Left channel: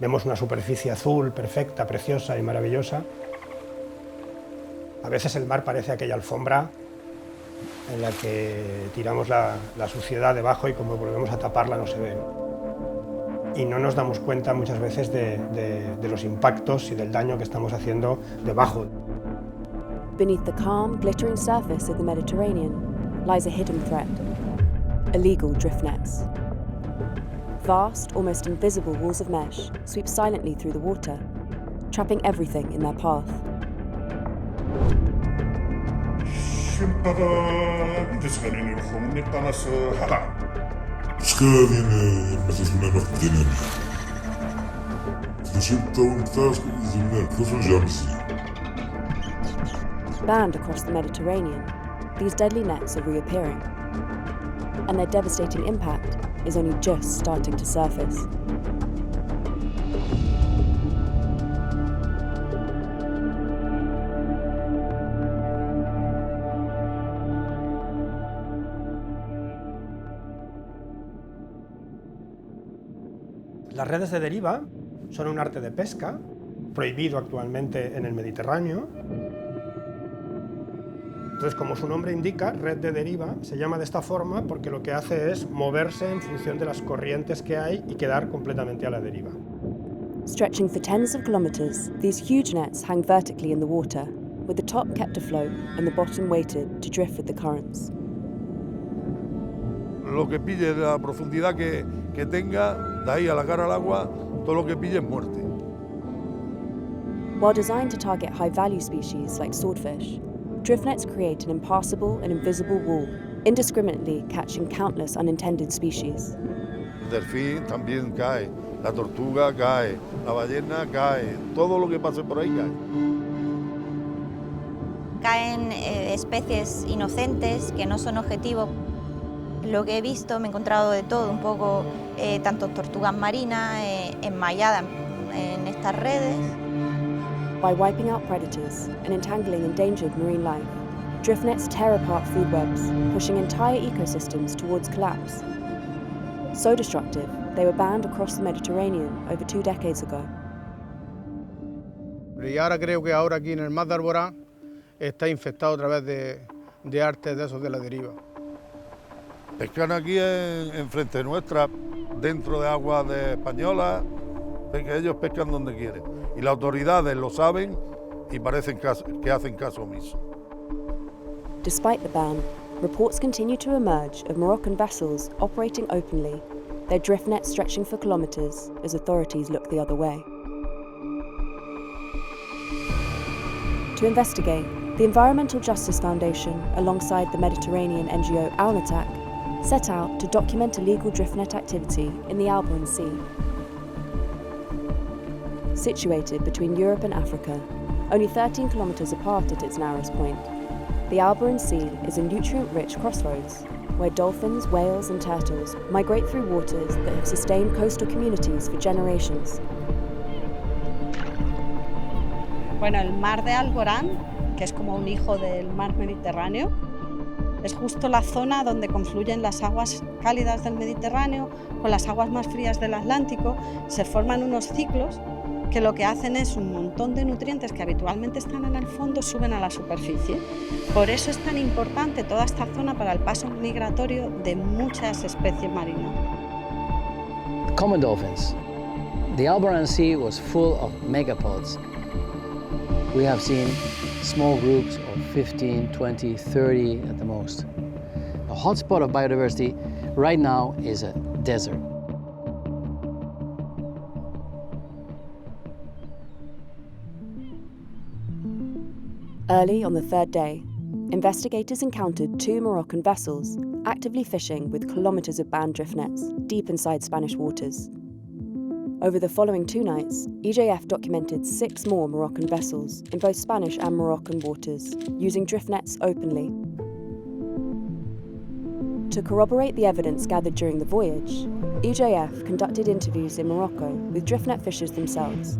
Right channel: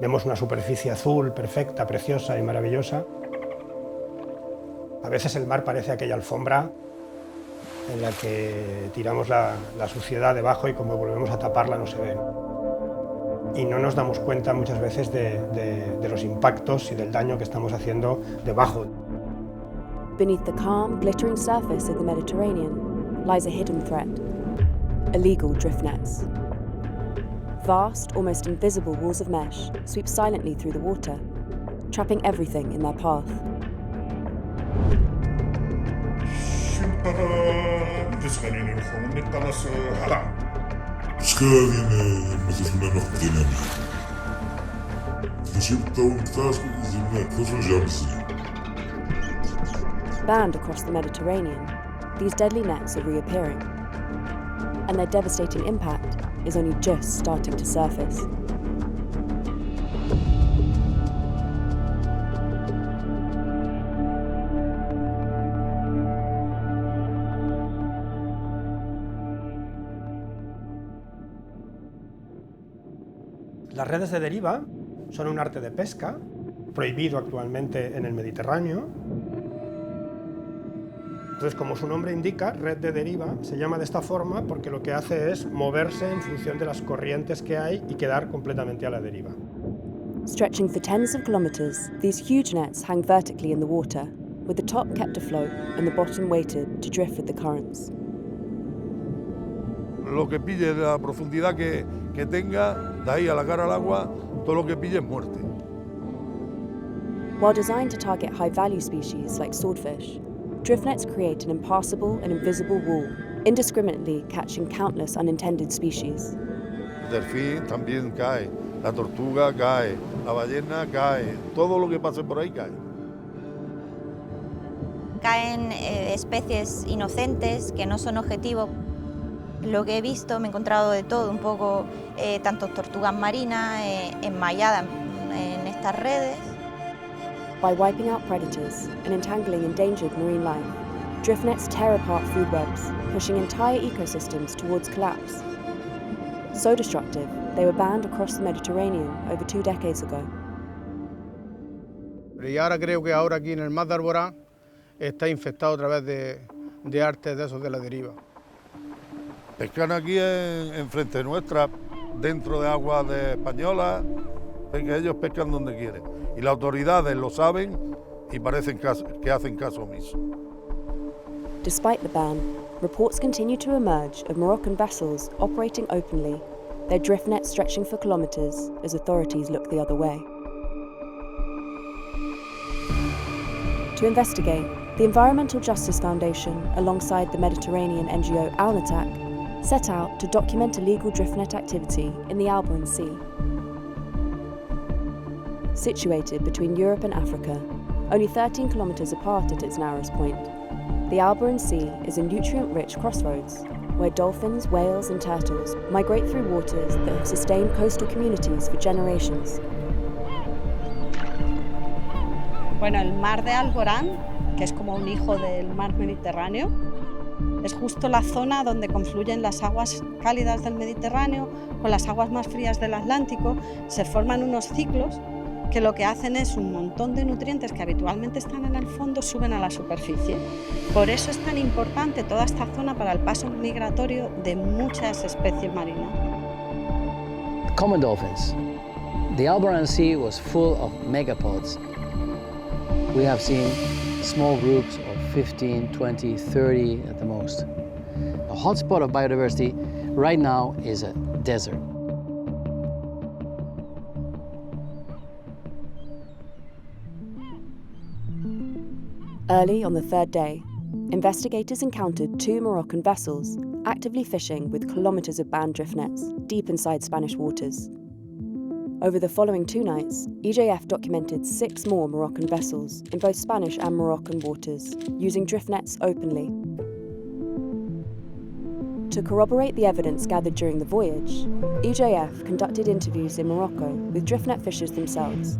Vemos una superficie azul, perfecta, preciosa y maravillosa. A veces el mar parece aquella alfombra en la que tiramos la suciedad debajo y como volvemos a taparla no se ve. Y no nos damos cuenta muchas veces de los impactos y del daño que estamos haciendo debajo. Beneath the calm, glittering surface of the Mediterranean lies a hidden threat: illegal drift nets. Vast, almost invisible walls of mesh sweep silently through the water, trapping everything in their path. Banned across the Mediterranean, these deadly nets are reappearing, and their devastating impact is only just starting to surface. Las redes de deriva son un arte de pesca, prohibido actualmente en el Mediterráneo. Entonces, como su nombre indica, red de deriva, se llama de esta forma porque lo que hace es moverse en función de las corrientes que hay y quedar completamente a la deriva. Stretching for tens of kilometers, these huge nets hang vertically in the water, with the top kept afloat and the bottom weighted to drift with the currents. Lo que pille, la profundidad que tenga, de ahí a la cara al agua, todo lo que pille es muerte. While designed to target high-value species like swordfish, drift nets create an impassable and invisible wall, indiscriminately catching countless unintended species. El delfín también cae, la tortuga cae, la ballena cae, todo lo que pase por ahí cae. Caen especies inocentes que no son objetivos. Lo que he visto, me he encontrado de todo, un poco, tanto tortugas marinas enmalladas en estas redes. By wiping out predators and entangling endangered marine life, drift nets tear apart food webs, pushing entire ecosystems towards collapse. So destructive, they were banned across the Mediterranean over 2 decades ago. Y ahora creo que ahora aquí en el mar de Alborán está infectado otra vez de artes de esos de la deriva. Pescan aquí en frente nuestra, dentro de aguas españolas, que ellos pescan donde quieren. Y las autoridades lo saben y parecen que hacen caso omiso. Despite the ban, reports continue to emerge of Moroccan vessels operating openly, their drift nets stretching for kilometers as authorities look the other way. To investigate, the Environmental Justice Foundation, alongside the Mediterranean NGO Alnatak, set out to document illegal drift net activity in the Alboran Sea. Situated between Europe and Africa, only 13 kilometers apart at its narrowest point, the Alboran Sea is a nutrient-rich crossroads where dolphins, whales and turtles migrate through waters that have sustained coastal communities for generations. Bueno, el mar de Alborán, que es como un hijo del mar Mediterráneo, es justo la zona donde confluyen las aguas cálidas del Mediterráneo con las aguas más frías del Atlántico. Se forman unos ciclos que lo que hacen es un montón de nutrientes que habitualmente están en el fondo suben a la superficie. Por eso es tan importante toda esta zona para el paso migratorio de muchas especies marinas. Common dolphins. The Alboran Sea was full of megapods. We have seen small groups of 15, 20, 30 at the most. A hotspot of biodiversity right now is a desert. Early on the 3rd day, investigators encountered 2 Moroccan vessels actively fishing with kilometers of banned drift nets deep inside Spanish waters. Over the following 2 nights, EJF documented 6 more Moroccan vessels in both Spanish and Moroccan waters, using drift nets openly. To corroborate the evidence gathered during the voyage, EJF conducted interviews in Morocco with drift net fishers themselves,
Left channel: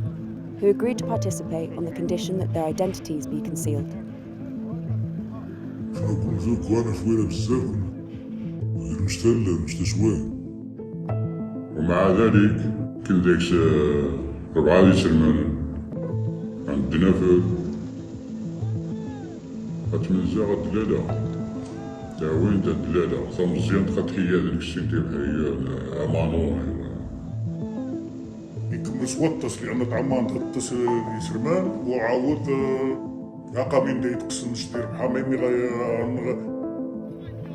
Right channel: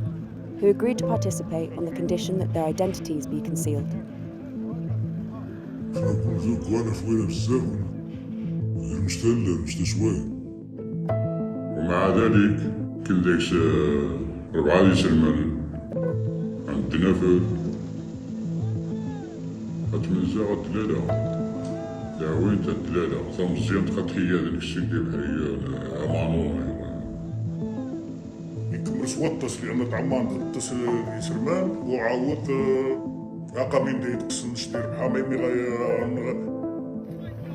who agreed to participate on the condition that their identities be concealed. ومع ذلك كل ذيك 4 سنين عندنا في غتمزا غدلالة وين تدلالة خمسين خطية ذيك الشيء ديال أمانة يكمل سوطس لأن طعمان تغطس يسربات وعاود عقابين دي تقسم نشتري بحال ما يمي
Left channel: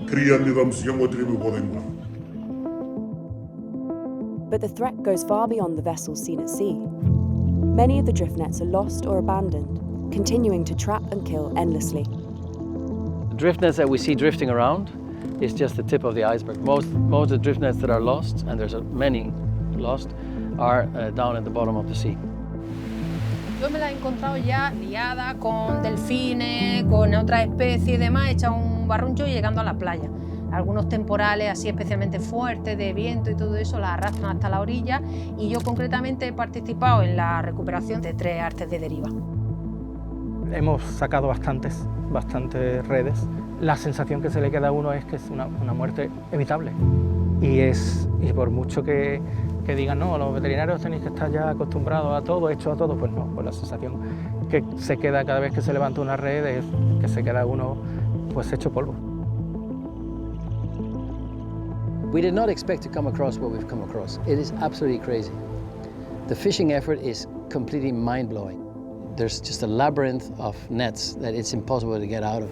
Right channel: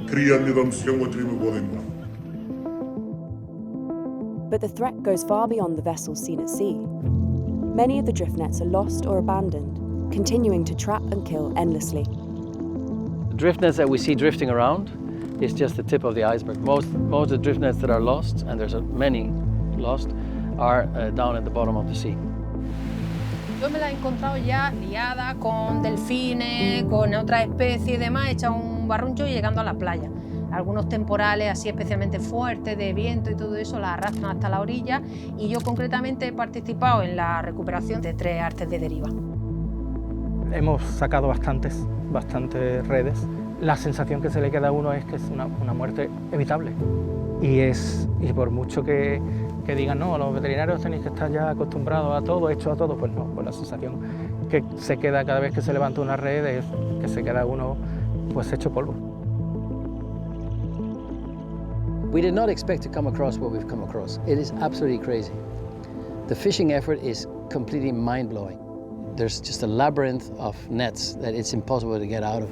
كريا النظام مزيان وديالو باغينا. But the threat goes far beyond the vessels seen at sea. Many of the drift nets are lost or abandoned, continuing to trap and kill endlessly. The drift nets that we see drifting around is just the tip of the iceberg. Most of the drift nets that are lost, and there's many lost, are down at the bottom of the sea. Yo me la he encontrado ya liada con delfines, con otras especies y demás, hecha un barruncho y llegando a la playa. Algunos temporales así especialmente fuertes de viento y todo eso la arrastran hasta la orilla y yo concretamente he participado en la recuperación de 3 artes de deriva. Hemos sacado bastantes redes. La sensación que se le queda a uno es que es una muerte evitable y por mucho que digan no, los veterinarios tenéis que estar ya acostumbrados a todo, hechos a todo, pues no, pues la sensación que se queda cada vez que se levanta una red es que se queda uno pues hecho polvo. We did not expect to come across what we've come across. It is absolutely crazy. The fishing effort is completely mind-blowing. There's just a labyrinth of nets that it's impossible to get out of.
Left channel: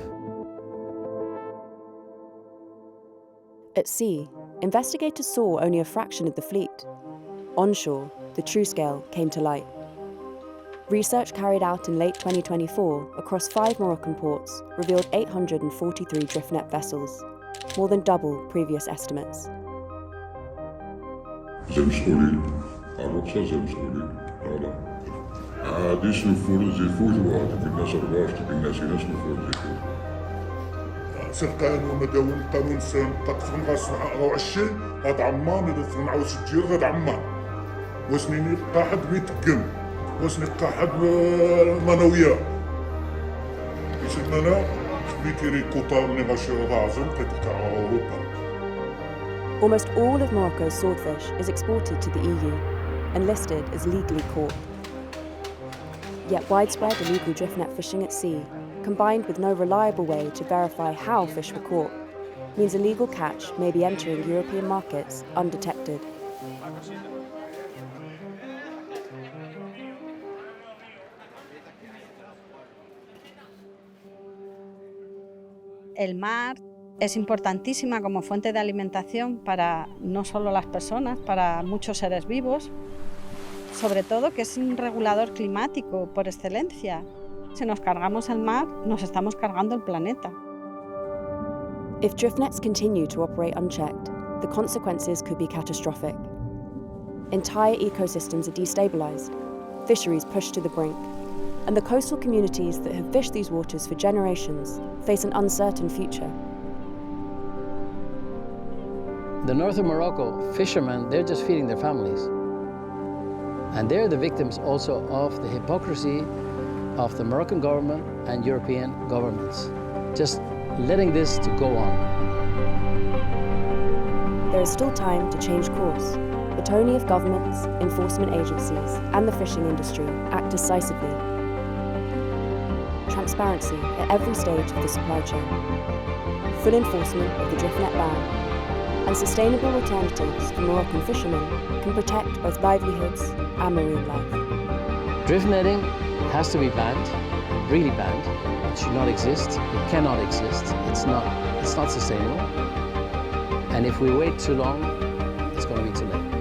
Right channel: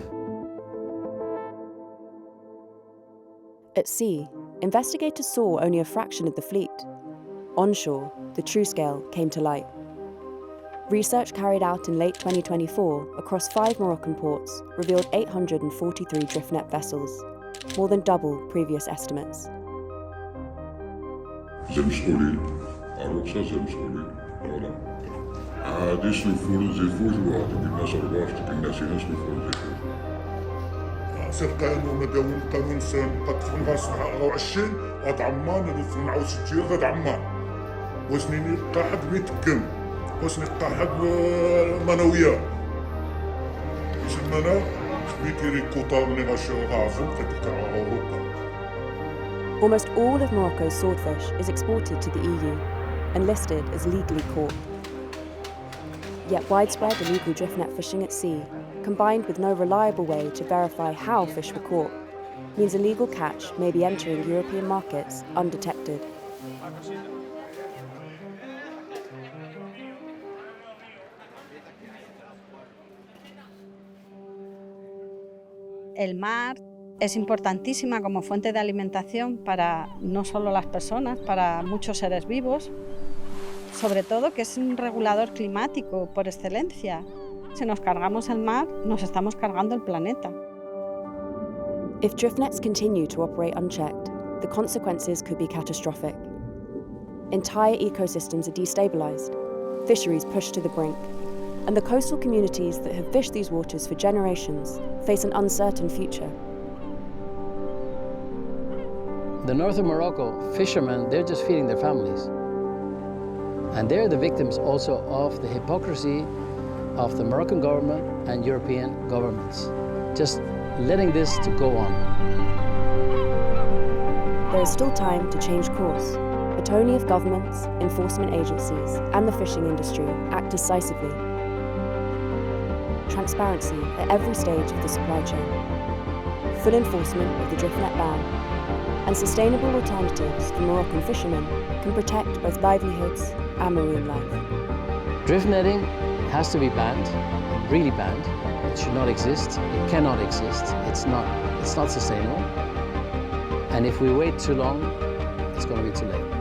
At sea, investigators saw only a fraction of the fleet. Onshore, the true scale came to light. Research carried out in late 2024 across 5 Moroccan ports revealed 843 drift net vessels, more than double previous estimates. Almost all of Morocco's swordfish is exported to the EU and listed as legally caught. Yet widespread illegal drift net fishing at sea, combined with no reliable way to verify how fish were caught, means illegal catch may be entering European markets undetected. El mar es importantísima como fuente de alimentación para no solo las personas, para muchos seres vivos, sobre todo que es un regulador climático por excelencia. Si nos cargamos el mar, nos estamos cargando el planeta. If drift nets continue to operate unchecked, the consequences could be catastrophic. Entire ecosystems are destabilized, fisheries pushed to the brink, and the coastal communities that have fished these waters for generations face an uncertain future. The north of Morocco, fishermen, they're just feeding their families. And they're the victims also of the hypocrisy of the Moroccan government and European governments, just letting this to go on. There is still time to change course, but only if governments, enforcement agencies, and the fishing industry act decisively. Transparency at every stage of the supply chain, full enforcement of the drift net ban, and sustainable alternatives for Moroccan fishermen can protect both livelihoods and marine life. Drift netting has to be banned, really banned. It should not exist. It cannot exist. It's not sustainable. And if we wait too long, it's going to be too late.